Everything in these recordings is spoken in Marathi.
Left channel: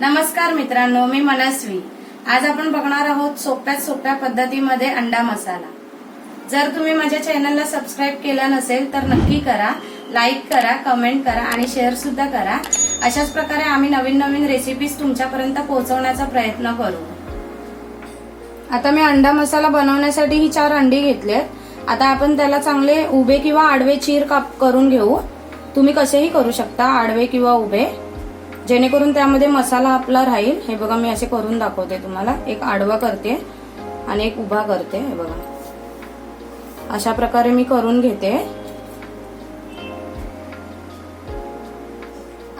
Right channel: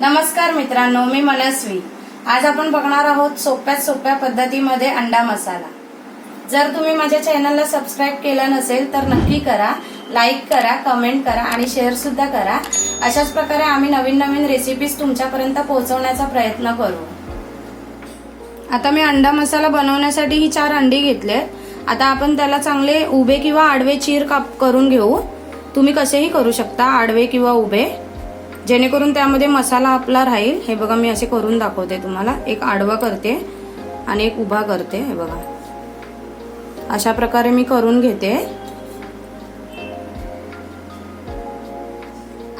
नमस्कार मित्रांनो, मी मनस्वी। आज आपण बघणार आहोत सोप्यात सोप्या पद्धतीमध्ये अंडा मसाला। जर तुम्ही माझ्या चॅनलला सबस्क्राइब केलं नसेल तर नक्की करा, लाईक करा, कमेंट करा आणि शेअर सुद्धा करा। अशाच प्रकारे आम्ही नवीन नवीन रेसिपीज तुमच्यापर्यंत पोहोचवण्याचा प्रयत्न करू। आता मी अंडा मसाला बनवण्यासाठी ही 4 अंडी घेतलेत। आता आपण त्याला चांगले उभे किंवा आडवे चीर काप करून घेऊ। तुम्ही कसेही करू शकता, आडवे किंवा उभे, जेणेकरून त्यामध्ये मसाला आपला राहील। हे बघा, मी असे करून दाखवते तुम्हाला। एक आडवा करते आणि एक उभा करते। हे बघा, अशा प्रकारे मी करून घेते।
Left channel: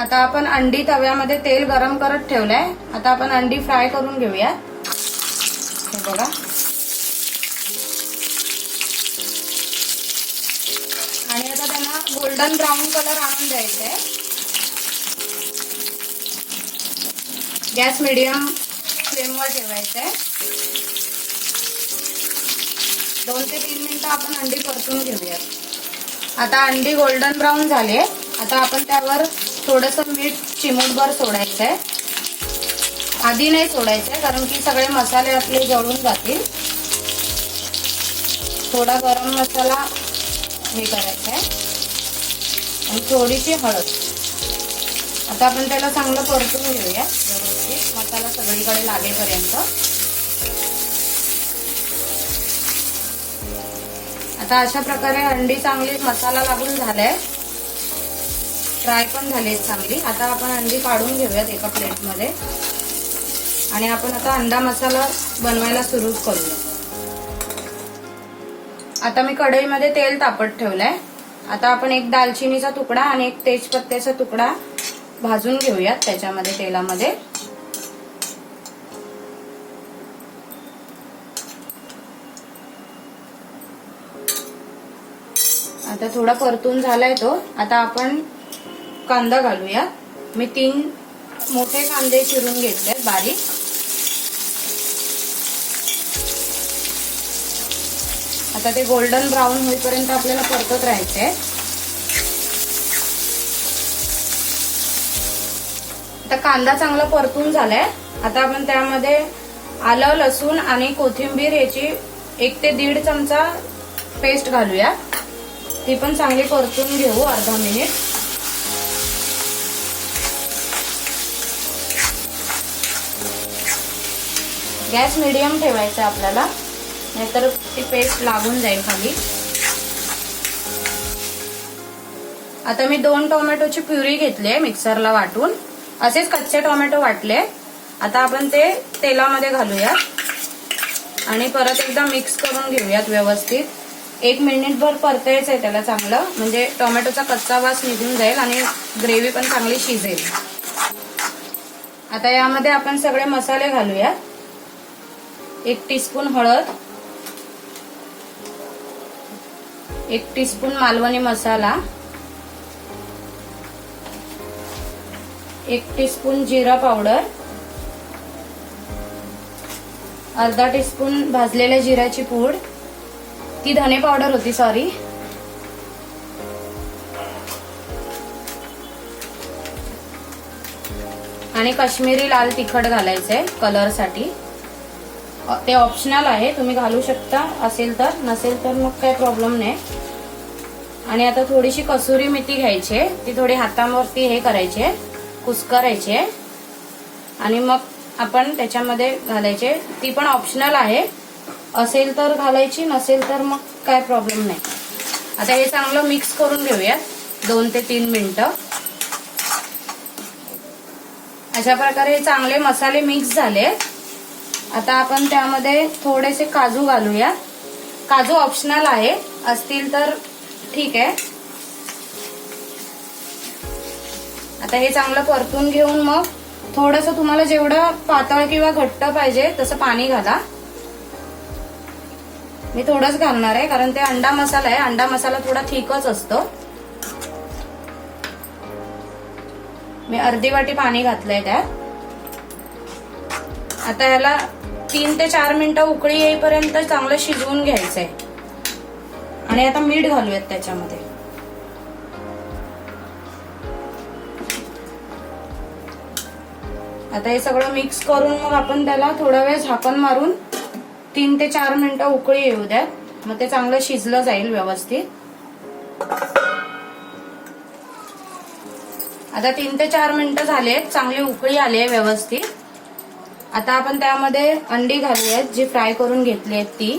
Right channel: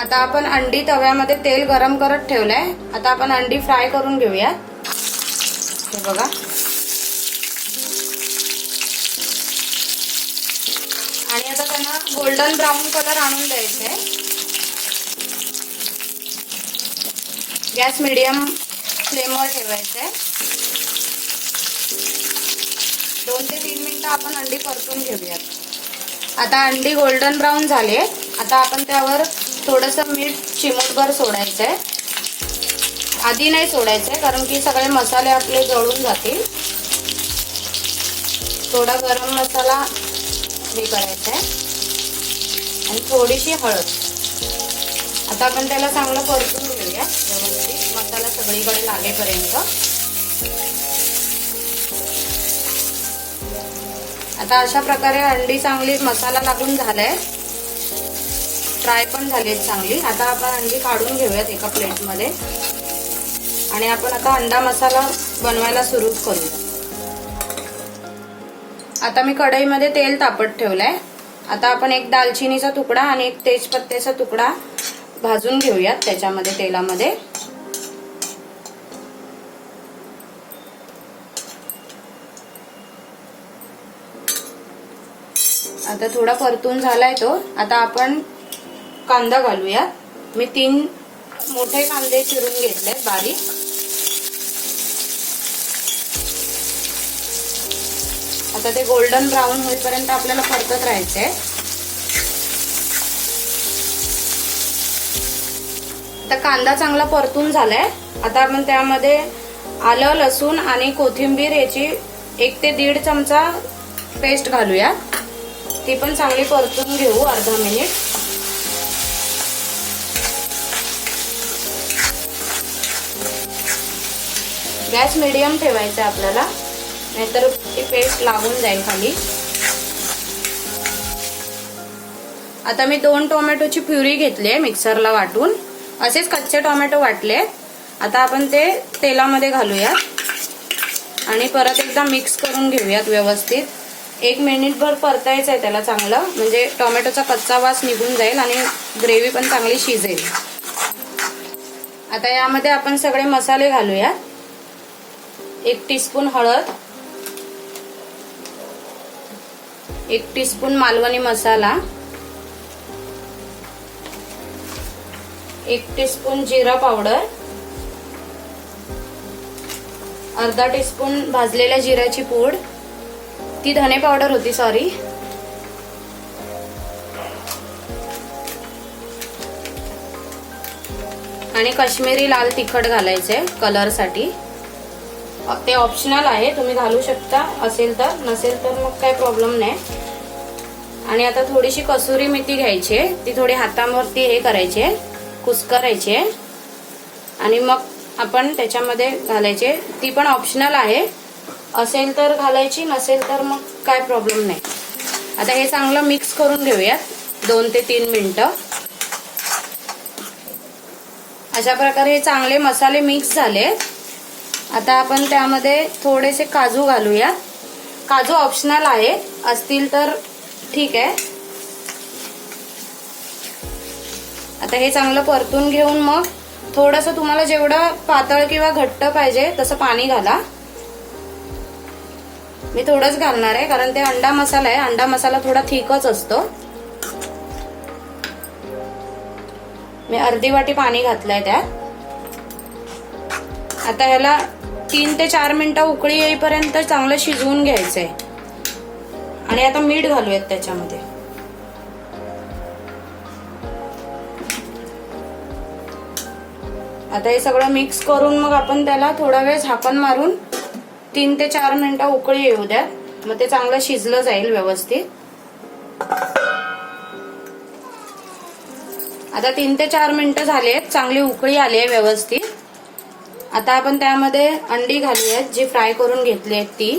आता आपण अंडी तव्यामध्ये तेल गरम करत ठेवलंय। आता आपण अंडी फ्राय करून घेऊया। हे बघा, आणि आता त्यांना गोल्डन ब्राऊन कलर आणून द्यायचंय। गॅस मीडियम फ्लेमवर ठेवायचा आहे। 2 ते 3 मिनिटं आपण अंडी परतून घेऊयात। आता अंडी गोल्डन ब्राऊन झाले। आता आपण त्यावर थोडंसं मीठ चिमूटभर सोडायचंय। आधी नाही सोडायचंय, कारण की सगळे मसाले आपले जळून जातील। थोडा गरम मसाला हे करायचंय आणि थोडीशी हळद। आता आपण त्याला चांगलं परतून घेऊया, व्यवस्थित मसाला सगळीकडे लागेपर्यंत। आता अशा प्रकारे अंडी चांगली मसाला लागून झालाय, फ्राय पण झाली चांगली। आता आपण अंडी काढून घेऊयात एका प्लेटमध्ये आणि आपण आता अंडा मसाला बनवायला सुरू करूया। आता मी कढईमध्ये तेल तापत ठेवलंय। आता आपण एक दालचिनीचा तुकडा आणि एक तेजपत्त्याचा तुकडा भाजून घेऊयात त्याच्यामध्ये, तेलामध्ये। आता थोडा परतून झालाय तो। आता आपण कांदा घालूया। मी 3 मोठे कांदे चिरून घेतले बारीक। आता ते गोल्डन ब्राऊन होईपर्यंत आपल्याला परतत राहायचंय। आता कांदा चांगला परतून झालाय। आता आपण त्यामध्ये आलं, लसूण आणि कोथिंबीर याची 1 ते 1.5 चमचा पेस्ट घालूया। ती पण चांगली परतून घेऊ अर्धा मिनिट। गॅस मीडियम ठेवायचा आपल्याला, नाहीतर ती पेस्ट लागून जाईल खाली। आता मी 2 टोमॅटोची प्युरी घेतली मिक्सरला वाटून। असेच कच्चे टोमॅटो वाटले। आता आपण ते तेलामध्ये घालूया आणि परत एकदा मिक्स करून घेऊयात व्यवस्थित। 1 मिनिटभर परतायचंय त्याला चांगलं, म्हणजे टोमॅटोचा कच्चा वास निघून जाईल आणि ग्रेव्ही पण चांगली शिजेल। आता यामध्ये आपण सगळे मसाले घालूया। 1 टीस्पून हळद, 1 टीस्पून मालवणी मसाला, 1 टीस्पून जिरा पावडर, अर्धा टीस्पून भाजलेल्या जिऱ्याची पूड, ती धने पावडर होती, सॉरी, आणि काश्मीरी लाल तिखट घालायचंय कलर साठी। ते ऑप्शनल आहे, तुम्ही घालू शकता असेल तर, नसेल तर मग काही प्रॉब्लेम नाही। आणि आता थोडीशी कसुरी मेथी घ्यायची, ती थोडी हातावरती हे करायची, कुस्करायचे आणि मग आपण त्याच्यामध्ये घालायचे। ती पण ऑप्शनल आहे, असेल तर घालायची, नसेल तर मग काय प्रॉब्लेम नाही। आता हे चांगलं मिक्स करून घेऊया 2 ते 3 मिनिटं। अशा प्रकारे हे चांगले मसाले मिक्स झाले। आता आपण त्यामध्ये थोडेसे काजू घालूया। काजू ऑप्शनल आहे, असतील तर ठीक आहे। आता हे चांगलं परतून घेऊन मग थोडंसं तुम्हाला जेवढं पातळ किंवा घट्ट पाहिजे तसं पाणी घाला। मी थोडंच घालणार आहे, कारण ते अंडा मसाला आहे। अंडा मसाला थोडा थिकच असतो। मी अर्धी वाटी पाणी घातलंय त्यात। आता याला 3 ते 4 मिनिटं उकळी येईपर्यंत चांगलं शिजवून घ्यायचंय। आणि आता मीठ घालूयात त्याच्यामध्ये। आता हे सगळं मिक्स करून मग आपण त्याला थोडा वेळ झाकण मारून 3 ते 4 मिनिटं उकळी येऊ द्या. मग ते चांगलं शिजलं जाईल व्यवस्थित. आता 3 ते 4 मिनिटं झालेत, चांगली उकळी आली आहे व्यवस्थित. आता आपण त्यामध्ये अंडी घालूयात, जी फ्राय करून घेतली आहेत ती.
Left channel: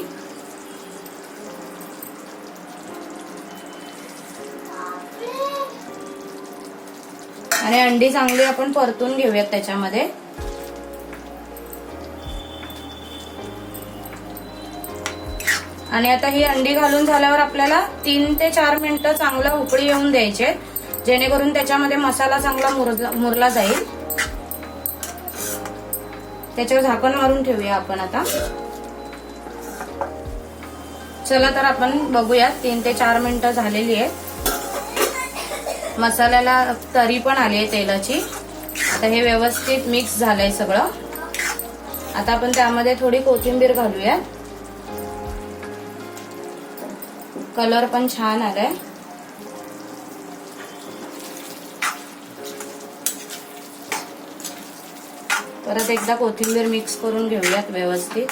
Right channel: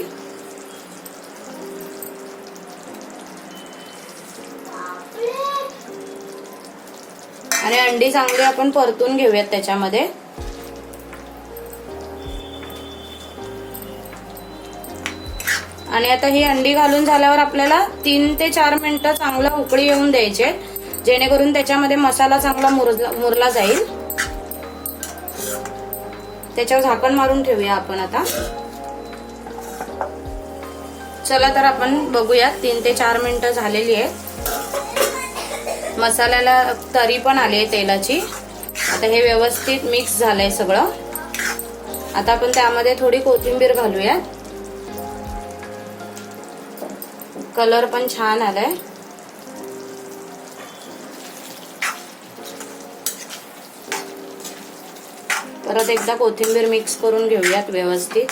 आणि अंडी चांगली आपण परतून घेऊयात त्याच्यामध्ये. आणि आता ही अंडी घालून झाल्यावर आपल्याला 3 ते 4 मिनिटं चांगलं उकळी येऊन द्यायचे, जेणेकरून त्याच्यामध्ये मसाला चांगला मुरला जाईल. त्याच्यावर झाकण मारून ठेवूया आपण आता. चला तर आपण बघूया, 3 ते 4 मिनिटं झालेली आहे. मसाल्याला तरी पण आली आहे तेलाची. आता हे व्यवस्थित मिक्स झालंय सगळं. आता आपण त्यामध्ये थोडी कोथिंबीर घालूया. कलर पण छान आलाय. परत एकदा कोथिंबीर मिक्स करून घेऊयात व्यवस्थित.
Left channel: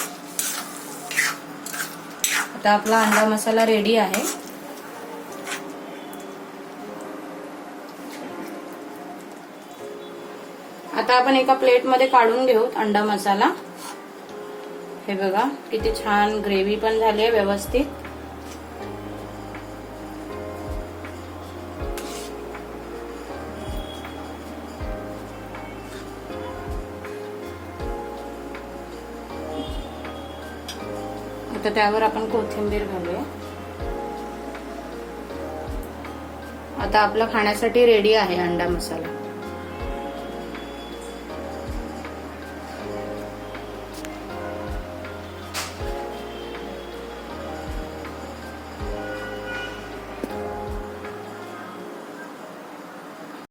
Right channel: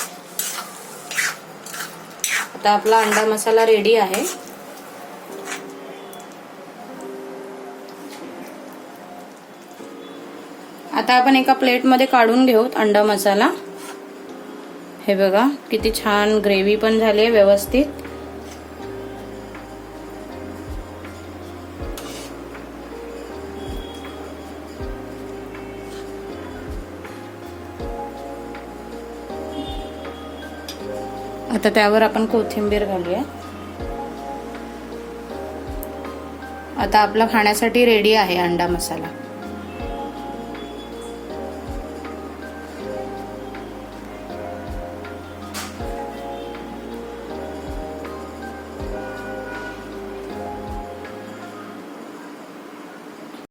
आता आपला अंडा मसाला रेडी आहे. आता आपण एका प्लेटमध्ये काढून घेऊ अंडा मसाला. हे बघा किती छान ग्रेव्ही पण झाली आहे व्यवस्थित. आता त्यावर आपण कोथिंबीर घालूया. आता आपला खाण्यासाठी रेडी आहे अंडा मसाला.